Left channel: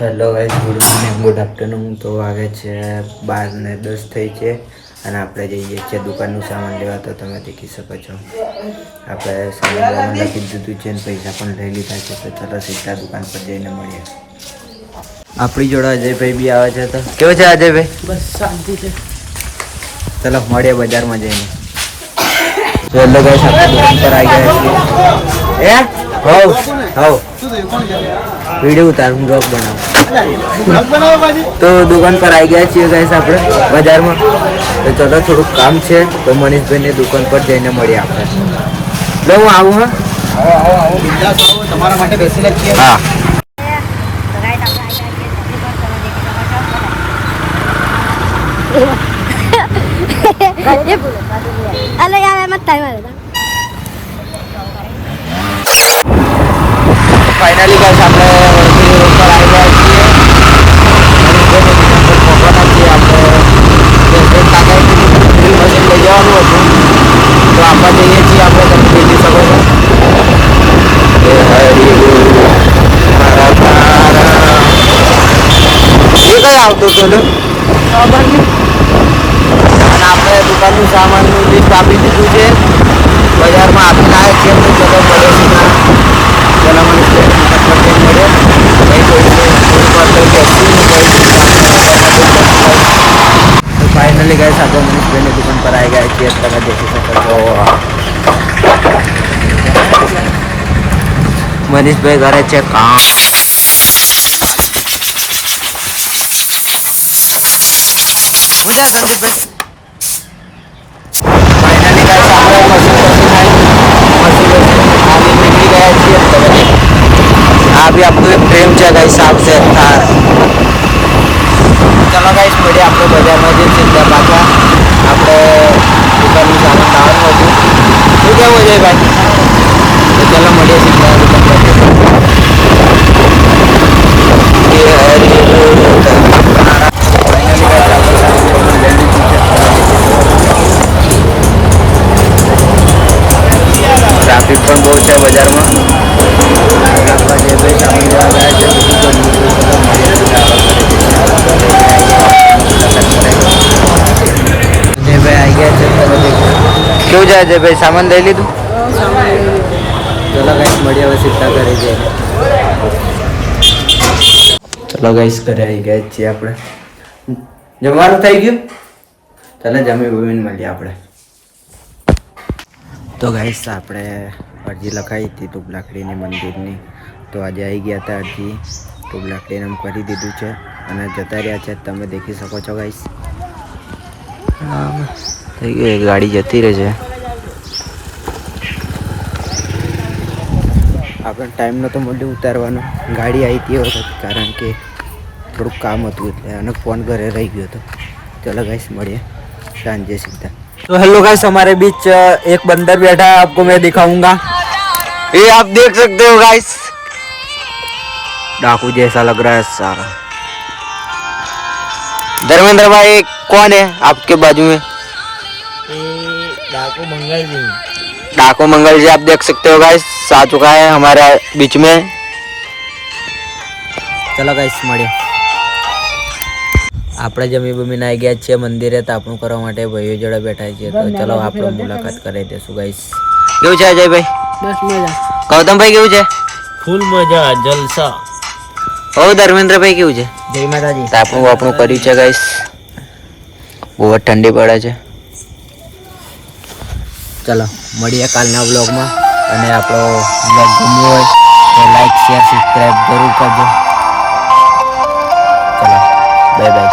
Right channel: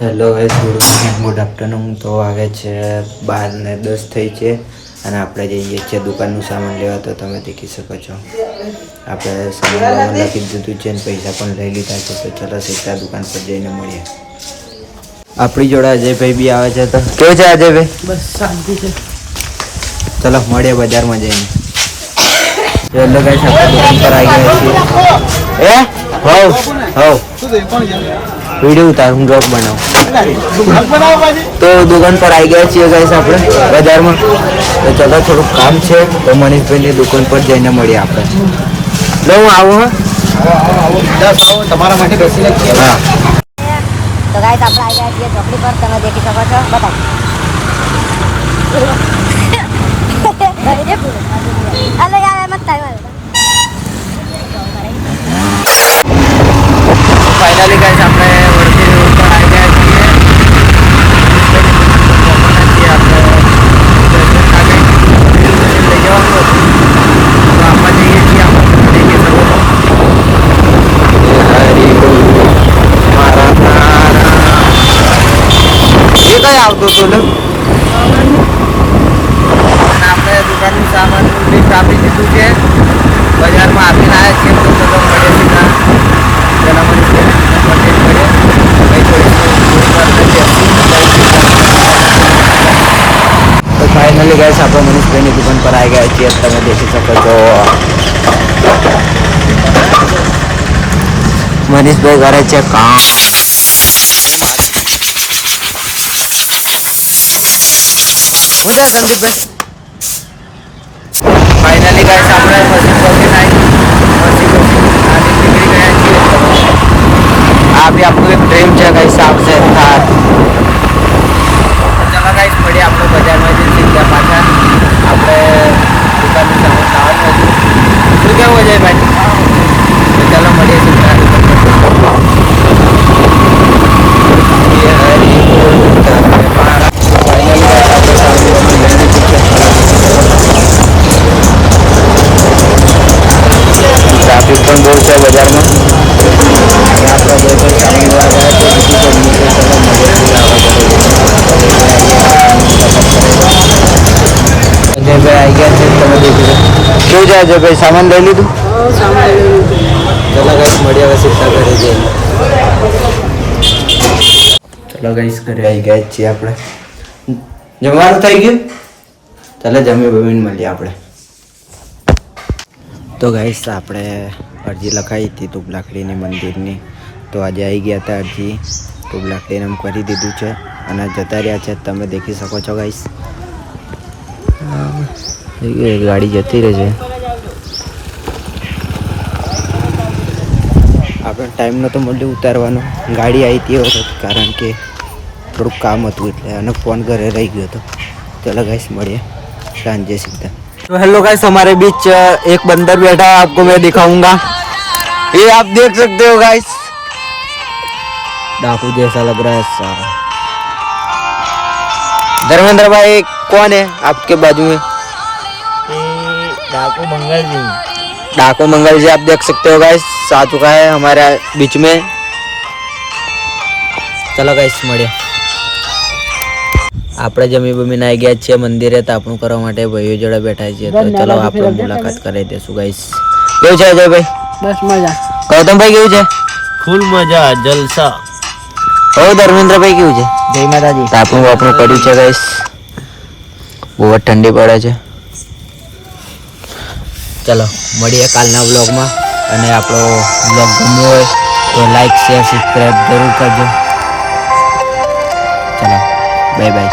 Hello guys, good morning, good afternoon. તો વાગે છે 12:10 થઈ છે અને આપણે જઈએ છીએ દુકાનનું સામાન લેવા. તો તમે દેખી શકો છો આપણે સામાન લખી દીધું છે અને પૈસા પણ લઈ લીધા છે. તો ચલો સીધા દુકાન પર જઈને મળીએ. આપણી જોડે અજયભાઈ બી આવે છે. તો કેવું છે અજયભાઈ? બસ શાંતિ છે. ચલો મળીએ બજારમાં જઈને. હેલો ગાઈસ, આપણે દુકાન પર આવી ગયા છીએ. વિડીયો ઉતાર, હું બ્લોગ બનાવું. તો દુકાન પર આવી ગયા છીએ ગાઈસ આપણે બજારમાં. તો ચલો થોડુંક કામ છે તો મનીષભાઈની દુકાન પર જઈને મળીએ આપણે. લો હું આવું. તમારા માટે બેસી નાખીએ. હા તો ગાઈસ આપણે આવી ગયા છીએ ચોકડી પર. તમે દેખી શકો છો. બતાવો ઘરે બોલો અને ફાઇનલી ગાઈસ આપણે વડોદરા રોડ પર આવી ગયા છીએ. પહોંચવાના છીએ આપણે. લઈ જવાનું હતું તો આપણે જઈએ છીએ. આપણે તમે દેખી શકો છો. હરી બોલ મારા તારા એ કઈ આવતો હતો લે. અને આપણે દુકાનનું સામાનનું લિસ્ટ આપી દીધું છે. બજારમાં આપીને આવ્યા છીએ. તો ચલો મળે સીધા. પેલા મને મળે ભાઈ કોઈ પૂરું કરતા તો ફાઇનલી ગાઈસ આપણે મનીષભાઈની દુકાન પર આવી ગયા છીએ. તમે દેખી શકો છો મનીષભાઈ કરે છે કામ. હું છે સંદીપભાઈ? ફાઇનલી ગાઈસ આપણે મશીન બસી નીકળી ગયા છીએ. આ બી આપણું એક ડ્રીમ છે ગાઈસ, આવશે થાર. ચલો ગાઈસ મળીએ આપણે બજારમાં જઈને સીધા પાછા. આપણે દુકાનનું સામાન લાવવાનું હતું. શું કેવું છે ભાઈ? તો ચલો મળીએ સીધા દુકાન પર. હરી બોલ મારા. ફાઇનલી ગાઈસ આપણે સામાન લઈ લીધું છે. ટ્રાફિક પણ બહુ છે બજારમાં. અને આપણા જે ભાઈ સામાન લેવા ગયા છે બીજી ગરમી છે. ચલો મળીએ સીધા હવે ઘરે જઈને. અજયભાઈ આવી ગયા છે. તમે કેવું છે અજયભાઈ? સામાન લઈ લીધું? ચલો ગાઈસ મળીએ હવે સીધા ઘરે જઈને. ચલો ગાઈસ ઘરે આવી ગયા છીએ આપણે. જમવાનું થઈ ગયું? ચાલો જમી બમીને મળીએ આપણે. તો ગાઈસ આપણે અરજી લખાવી હતી તુબલાખડીની મંદિરની. તો આજે આવી ગયા હતા અરજી. તુબલાખડીને એમ કરી દીધું છે અને જતા રહ્યા છે. તમે દેખી શકો છો ગાઈસ. ગાડી જતી રહે છે. આપણે ટાઈમ નહોતો મળ્યો ઉતારવાનો. ગાડી આવી હતી વખત, કારણ કે થોડુંક કામ હતું એટલે. અને ફોન ઘરે રહી ગયો હતો. चलो गाइस बढ़िया सांझे सीधा. तो हेलो गाइस, हमारे बीच एक बंदर बैठा है. आपको मैं दिखाऊंगा. ये आप देख सकते हो गाइस, डाकू जैसा लग रहा है सारा. धर्मेंद्र भाई कौन है आपके बाजू में? डाकू मंगल जी. डाकू मंगल जी आप देख सकते हो गाइस, आ चुका है हमारे बीच में. चलो गाइस મળીએ. આપણે જમી બમીને આવી ગયા છીએ મંદિરે તાપણું કરવા માટે. ભાઈઓ જોડે બેઠા છીએ. તો ચલો આપણે મુલાકાત કરી દઈશું ગાઈસ. કેવું છે અજયભાઈ? બસ મજા. ગૌતમભાઈ કેવું છે? ફૂલ મજા, જલસા. હો ધર્મેન્દ્રભાઈ કેવું છે? જય માતાજી. તાપણું વાપણું કર્યું છે ગાઈસ. બહુ જ ઠંડી પડે છે. ચલો મળીએ કાલના વ્લોગમાં. અને આપણો વ્લોગ ગમ્યો હોય તો લાઈક શેર સબસ્ક્રાઈબ જરૂર કરજો. ચલો બાય બાય.